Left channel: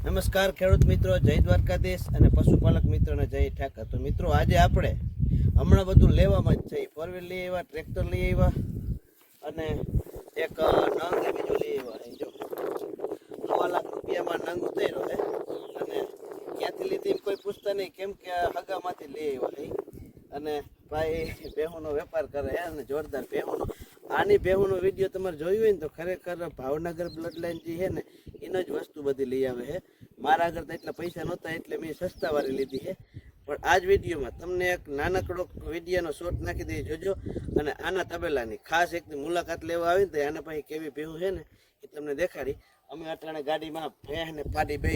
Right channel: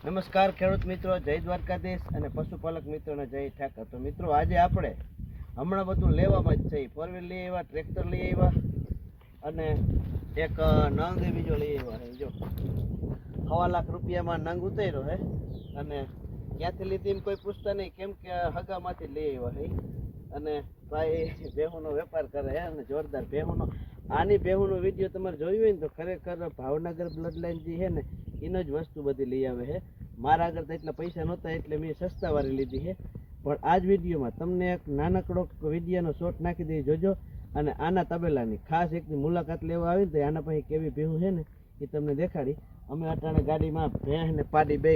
નમસ્કાર, ખેડૂત મિત્રો, જય દ્વારકાધીશ અને પશુપાલક મિત્રોને જય ઠાકર. તો મિત્રો, આજે આપણે હમણાં બધું લેવામાં જ છે. ફોર વ્હીલ લઈ આવ્યા, ટ્રેક્ટર લઈ આવ્યા અને એક નંગ બીજો લઈ આવ્યા જો. સવા લાખ રૂપિયામાં નંગ ઉતાર્યો છે અને ક્યાંથી લીધી કોઈ પૂછતા નહીં. કેમ કે હગામાંથી લઈ આવ્યા અને ભાઈ બેહુનો વેપાર કરે હે અને જોરદાર ભેહુનો આની ભેહુનો વીડિયો તમારે જોયું હોય ને તો ખરેખર ભાવનગર બ્લડ લાઇન જે છે ને, એનો જ વસ્તુ બધી લઈ આવે છે. મારા આગળ તો એટલા પૈસા નહોતા, એટલે મેં સસ્તા વાળી લીધી છે. પણ આ જ વિડીયોમાં તમને એક નાનકડો વિડીયાનો શોટ નાખી દઈ જોજો અને આના તબેલાની ખાસ એકની મુલાકાત લેવા આવી ને તો આના પાસે કેવી ભેહું છે ને, એ તમને દેખાડી. અમે અટાણે ગાડીમાં ભેંસ ને પાડી બે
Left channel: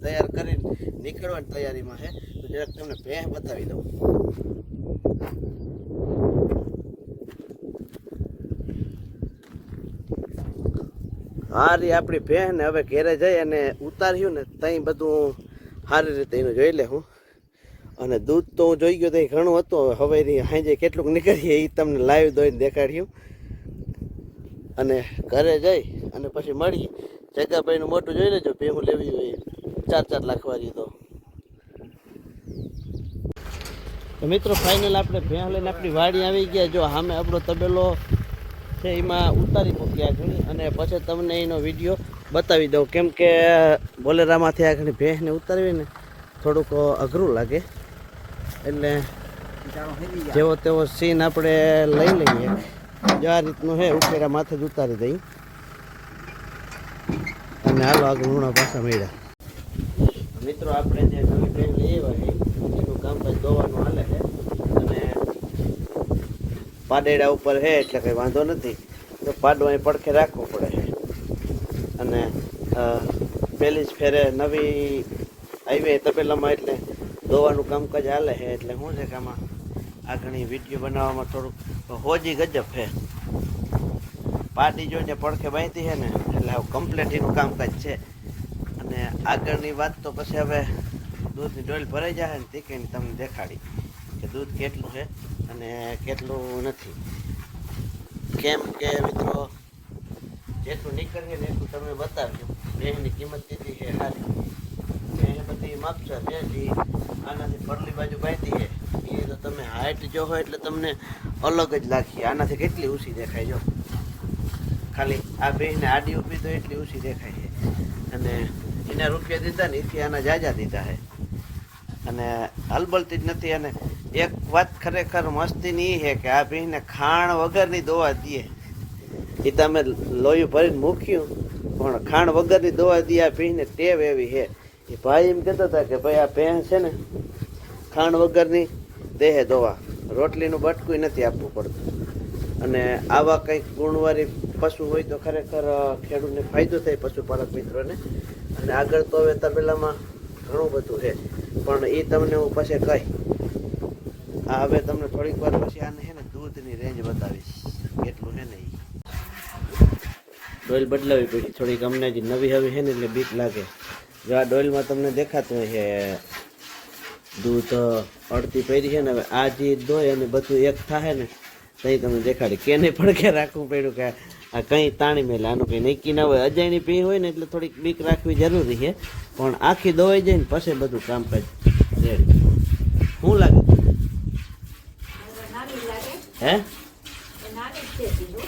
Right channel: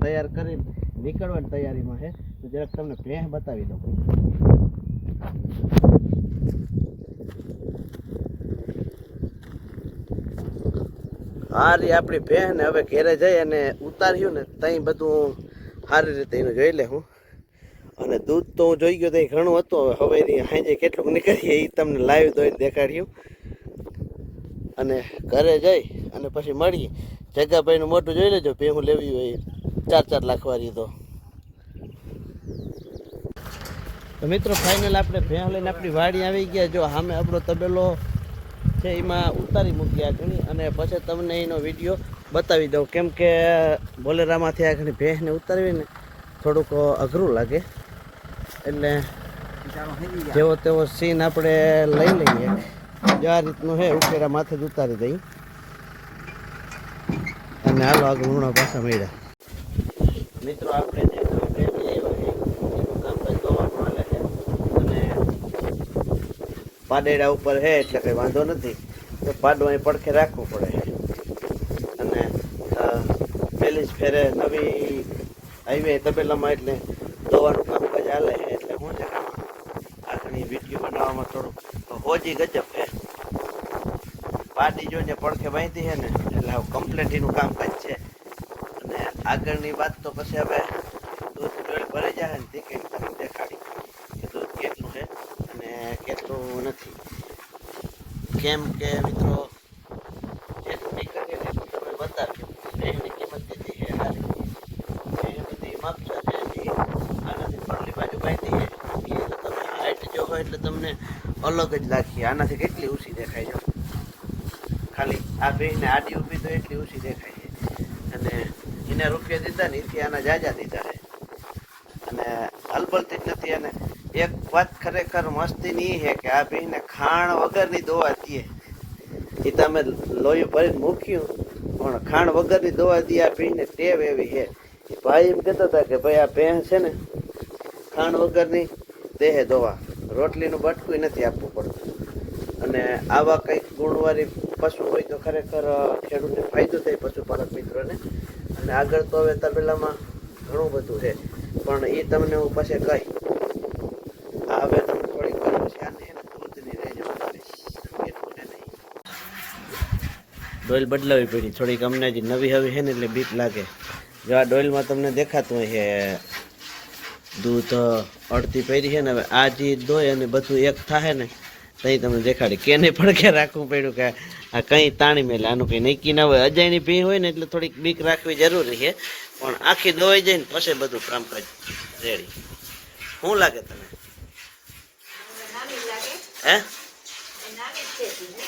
તૈયાર કરીને નીકળવાની તૈયારીમાં છે. તો જરાક તમને ભેંસ બતાવી દઉં. હા રી આપણી બહેન હવે ઘેરે જઈ અને ઉતાર્યું ને ત્યાં બધું સારી રીતે એનું જોઈ લે હું. અને દૂધ તો હું જોઈ ગયો ત્યાં ઘણું હતું. હવે એની સાંજે કેટલુંક નીકળીએ એ તમને લાઈવ દોઈ દેખાડ્યું. અને ઘરે જઈ અને પછી મળી. જગાભાઈનું મોટું જોઈ લેજો, ભેહું લેવી હોય ચાર ચાર લાખ વાળી તો. તો મિત્રો ફાઇનલ આપણે ભેહ લઈને આપણી વાડી આવી ગયા. જો સામે આપણો તબેલો છે એમાં ઉતારી મૂક્યા જોઈએ અને પછી તમને એનો વીડિયો બતાવી દઉં. કેમ કે બોલેરામાંથી આગળ ભેંસને ઉતારવીને થોડુંક અઘરું લાગે. એટલે જેવો તેવો સીન આપણે લઈ લઈએ. જો આ રીતનું છે ઉકેરા માથે જ ઉતારી દઈ. અને હાલો આગળ ઉણા પાછા મળ્યા. મિત્રો, આપણે જે નવી ભેંસ લઈ આવ્યા છે એનું કામકાજ ધોવાનું હાલે છે અને પાડેડા ઉપર છે એટલે કંઈ વાંધો નથી. તો પાડો અહીં પડખે રાખવું પડે છે અને પહેલી જ ફેરે નવી હાઈવે તપેલામાં એટલે ધોવાનું કામકાજ હાલે છે એટલે શું છે આમાં આ ઘણી વીડિયો બનાવવામાં થોડુંક હોજી ગજબ છે પાટી જોઈને પડખે બાંધી છે ને, એટલે હવે કમ્પ્લેટ કામકાજ છે. અને આગળની વાત તો પછી હવે દૂધ ડોલ ભરાઈ જાય ને તે કંઈ તમને દેખાડી. દૂધ કેટલું છે અને કેટલું નથી. કેમ કે મિત્રો, જેટલું નીકળીએ ને એટલું તમે બતાવજો. એની કિંમત દીધી છે સારી એ બધી માપસા છે આનાથી પરલી બાજુ બાંધી છે એટલે તમે હાઈટ જો હોય એટલે તમને અલગ જ લાગશે આનાથી કેટલી ઊંચી દેખાય જો? ખાલી આ બેને આડી ઊભી તો એટલી ઊંચી દેખાય છે. અને એના રૂપિયા દીધા ને એથી આના જાજા દીધા છે. અને હલબલતી જ નથી અને એક વાત ખરેખર મસ્તીની છે કે આ ભીને ખાણ વગરની દોવા દઈએ. એ તમે લોહી ભરીને મૂક્યું, પણ ખાણ વગરની દોવા દઈએ, આ ભીને ટેવ એવી છે. એ ભાઈ એમ કહેતા હતા કે ભાઈ આ ભેંસ છે ને, ખાણ વગરની દેહે દોવા. રોટલીનું બટકું નથી આપવું પડતું. અને આવા કંઈક ગુણવાળી પશુ હોય તો ખરેખર ખેડૂતને ફાયદો થાય પશુપાલક મિત્રોને. અને આગળ તો હવે તબેલામાં ઘણું બધું છે. પણ એ તમને હું પછી કહી આ હવે તમને થોડીક વાર પછી આને છે ને દૂધની રેન્જ બતાવીશ. એટલું છે નહીં ડોઇલ બદલાવી પડી. થોડીક અમને જે નવી હવી છે ને એટલે બીક લાગે. જો આ ડોઇલમાં તમને દેખાતું હોય છે, દૂધ અડતી પહેરી છે ને હવે આ જે દોય અને બધું એક થાય ને, તઈ તમને દેખાડી. કેને પડકે રાખવું પડ્યું કે આ કંઈ તાણી મેલે. આનું કંઈ નક્કી ના હોય. અજાયની ભી હોય ને એટલે થોડીક બીક રાખવી જરૂરી છે. પણ આખી દોવાઈ જાય ને પછી બધું કામકાજ રેડી. શું લાગે તમને? હે?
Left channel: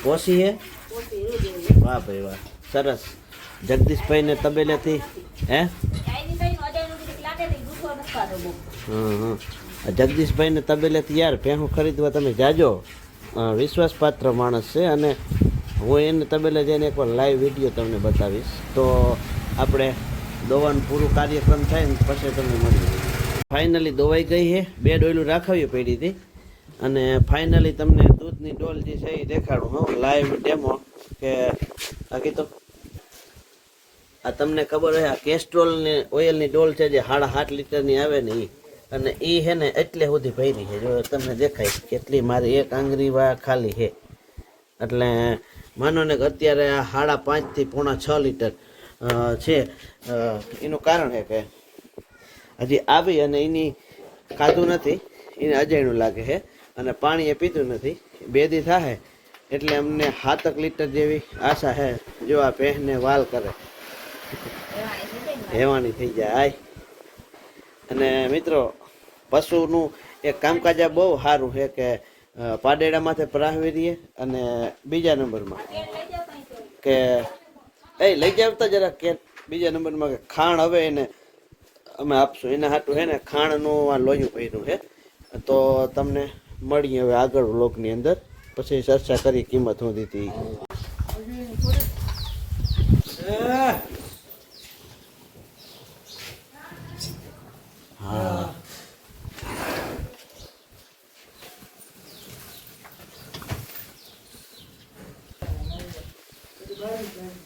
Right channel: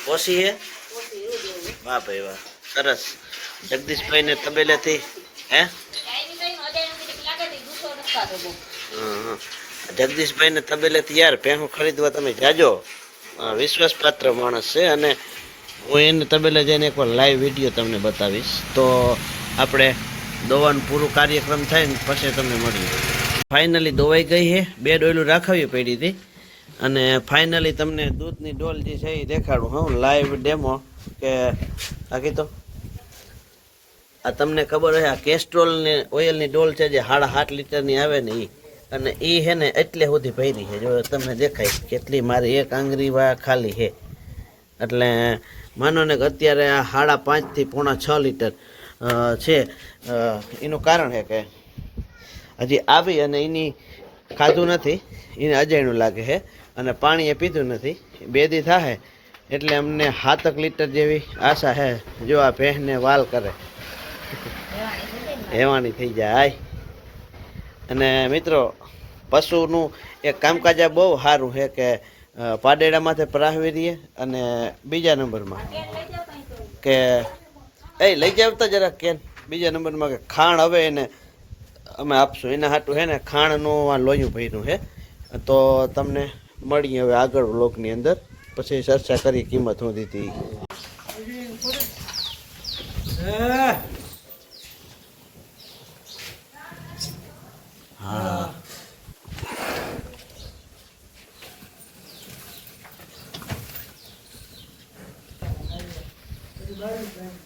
ઓછી હે? વાહ ભાઈ વાહ, સરસ. જગદીશભાઈને તબેલેથી, હે? હં. જગદીશભાઈને તબેલેથી યાર ભેહું ખરીદવા તમે જાજો. વિશ્વાસપાત્ર માણસ છે અને હું એને તબેલે જઈને એકવાર લાઈવ વીડિયો તમને બતાવીશ. તો આપણે દોવાનું પૂરું કાર્યક્રમ થાય ને પછી તમને મળીએ. ફાઇનલી દોવાઈ ગઈ છે બે ડોયલું રાખાવી પડી હતી. અને ફાઇનલી તમને દૂધની ડોલ જે છે એ દેખાડું, હું લાઈવ ડેમો કે બાકી તો આ તમને ખબર હોય, આ કેસ્ટ્રોલની ઓઇલની ડોલ છે જે સાડા સાત લીટરની આવે ને એ અને એ છે ને એટલે સુધી ભરી છે. જો તમને દેખાય કેટલી મારી એક આંગળી વા ખાલી છે. એટલે માનો ને કે અત્યારે આ સાડા પાંચથી પોણા છ લીટર છે. એનું કારણ છે કે હજી આવી અને એની ખાધું નથી. એને અજાણ્યું લાગે છે અને પાણી એ પીધું નથી. બે દી થાય એટલે અમને હાતક લીટર જેવી આશા છે જો આ પહેને વાલ કરે. હેવાની થઈ જાય. અને મિત્રો, પશુનું એ કામકાજ બહુ સારું છે કે પાડેડામાંથી પ્રાહવી રહીએ અને બીજા નંબરમાં. કે, એ, લઈ જાવતા જરા કેન. બીજા નંબરમાં કે ખાણ હવે એને અમે આપશું. એના હાટું છે ને ખાણનું આ લોયું ભર્યું છે તો તમને મળીએ હવે આગળ બ્લોકની અંદર. પછી ચર્ચા કરી કિંમત હું દીધી હા. તો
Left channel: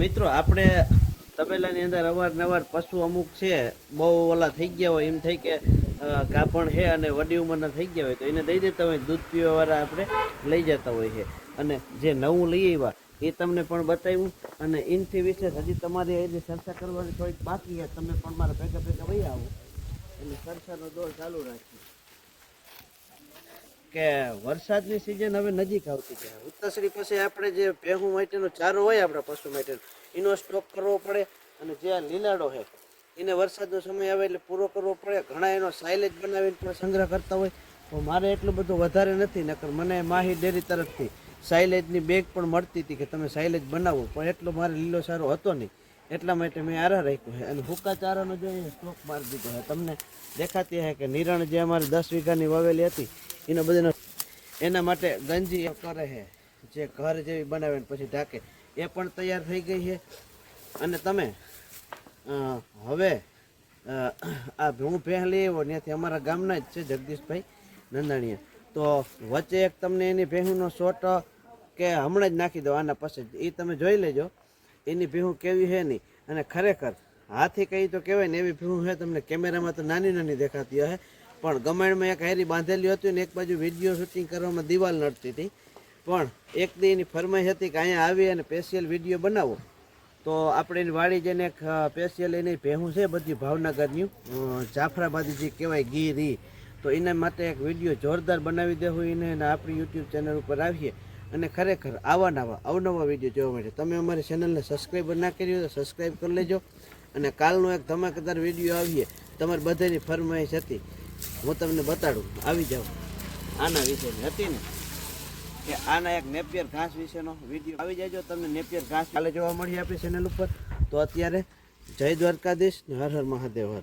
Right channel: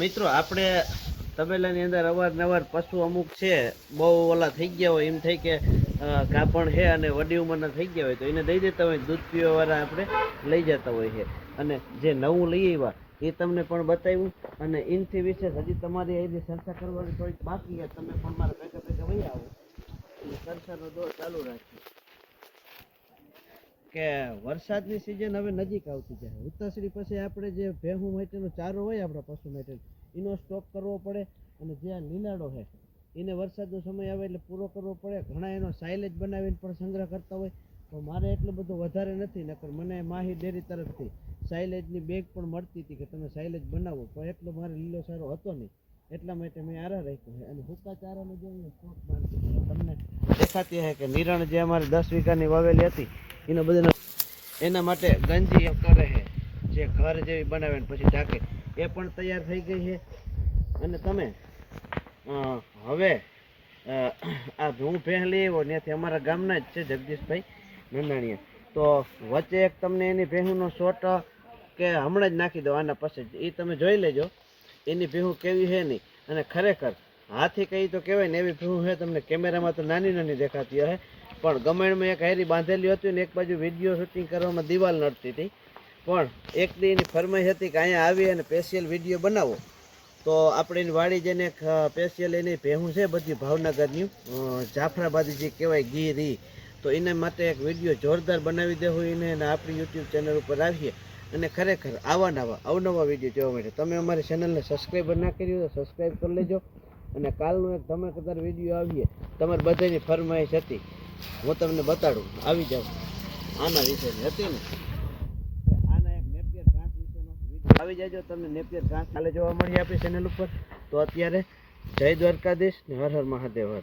મિત્રો, આપણે તબેલાની અંદર અવારનવાર પશુ અમુક છે, બહુ ઓલા થઈ ગયા હોય, એમ થઈ કે કાપણ છે અને વડી ઉંમરના થઈ ગયા હોય, તો એને દઈ દેતા હોય, દૂધ પીવા વાળા આપણે લઈ જતા હોય છે. અને જે નવું લઈ આવ્યા, એ તમને પણ બતાવ્યું. અને એનથી વિશે હજી તમારી એની ચર્ચા કરવાની થોડીક બાકી તમે પણ મારા ભેગા ભેગા વહી આવો. એટલે ચર્ચાનો દોર ચાલુ રાખીએ કે વરસાદની સિઝન હવે નજીક આવતી છે. ઉત્તરશ્રી પછી આપણે જે ભેહું માટેનો ચારો હોય આપણા પશુ માટેનો, એનો સ્ટોક કરવો પડે અને જે આ લીલાડો છે, એને વરસાદનો સમય આવે એટલે પૂરો કરવો પડે. ઘણા એનો સાઇલેજ બનાવીને પણ સંગ્રહ કરતા હોય. તો મારે એટલું બધું વધારે નથી, નકર મને માહી ડેરી તરફથી સાઇલેજની બેગ પણ મળતી હતી કે તમે સાઇલેજ બનાવો. પણ એટલો મારે લીલો સારો હતો નહીં. એટલા માટે મેં આરા રાખ્યો છે. અને હુકા ચારાનો જો એ સ્ટોક મારી દીધો તમને દેખાતી છે કે નિરણ જે અમારી દસ વીઘાની વાવેલી હતી એના બધાને એના માટે ગંજી કરે છે. જે ઘર જેવી બનાવે પછી ઢાંકે. એ પણ તૈયાર થઈ ગઈ છે. અને તમે હવે આ હું પહેલી એવો ત્યાંથી અમારા ગામના જ છે જગદીશભાઈ નંદાણીએ. તો વચ્ચે એક તમને એની ભેહુંનો શોટ કે હમણાં જ નાખી દો આના પાસે એ તમે જોઈ લેજો. એની ભેહું કેવી છે નહીં અને ખરેખર હાથી કહી તો કહેવાય ને એવી ભેહું છે તમને કેમેરામાં તો નાની નાની દેખાતી હશે. પણ ગમેણમાં એક હેરી બાંધેલી હતી ને એક બાજુ વીડિયો શૂટિંગ કરવામાં દિવાલ નડતી હતી. પણ એક દી એની ફરમાઈશ હતી કે અહીંયા આવી અને સ્પેશિયલ વીડિયો બનાવો. તો આપણે એની વાડી જઈને એક સ્પેશિયલ એની ભેહું છે બધી ભાવનગરનું. જાફરાબાદી જે કહેવાય ગીરી તો એના માટે એક વીડિયો જોરદાર બનાવી દેવું એને અને આપણી યુટ્યુબ ચેનલ ઉપર આવીએ. અને ખરેખર આવા નવા અવનવા વીડિયો જોવા માટે. તમે અમારી ચેનલને સબસ્ક્રાઈબર ના કરી હોય તો સબસ્ક્રાઈબ કરી લેજો. અને કાલનો એક ધમાકેદાર વીડિયો આવીએ. તમારી બધાની ફરમાઈશ હતી. હું તમને બતાડું, આવી જાઓ. આના વિશેની હતી ને? કે આના એક નેપિયર ઘાસ વિશેનો વીડિયો. આવી જાયજો તમને નેપિયર ઘાસ કાલે જોવા મળી આપણી ચેનલ ઉપર. તો અત્યારે જય દ્વારકાધીશ હર હર મહાદેવ હર.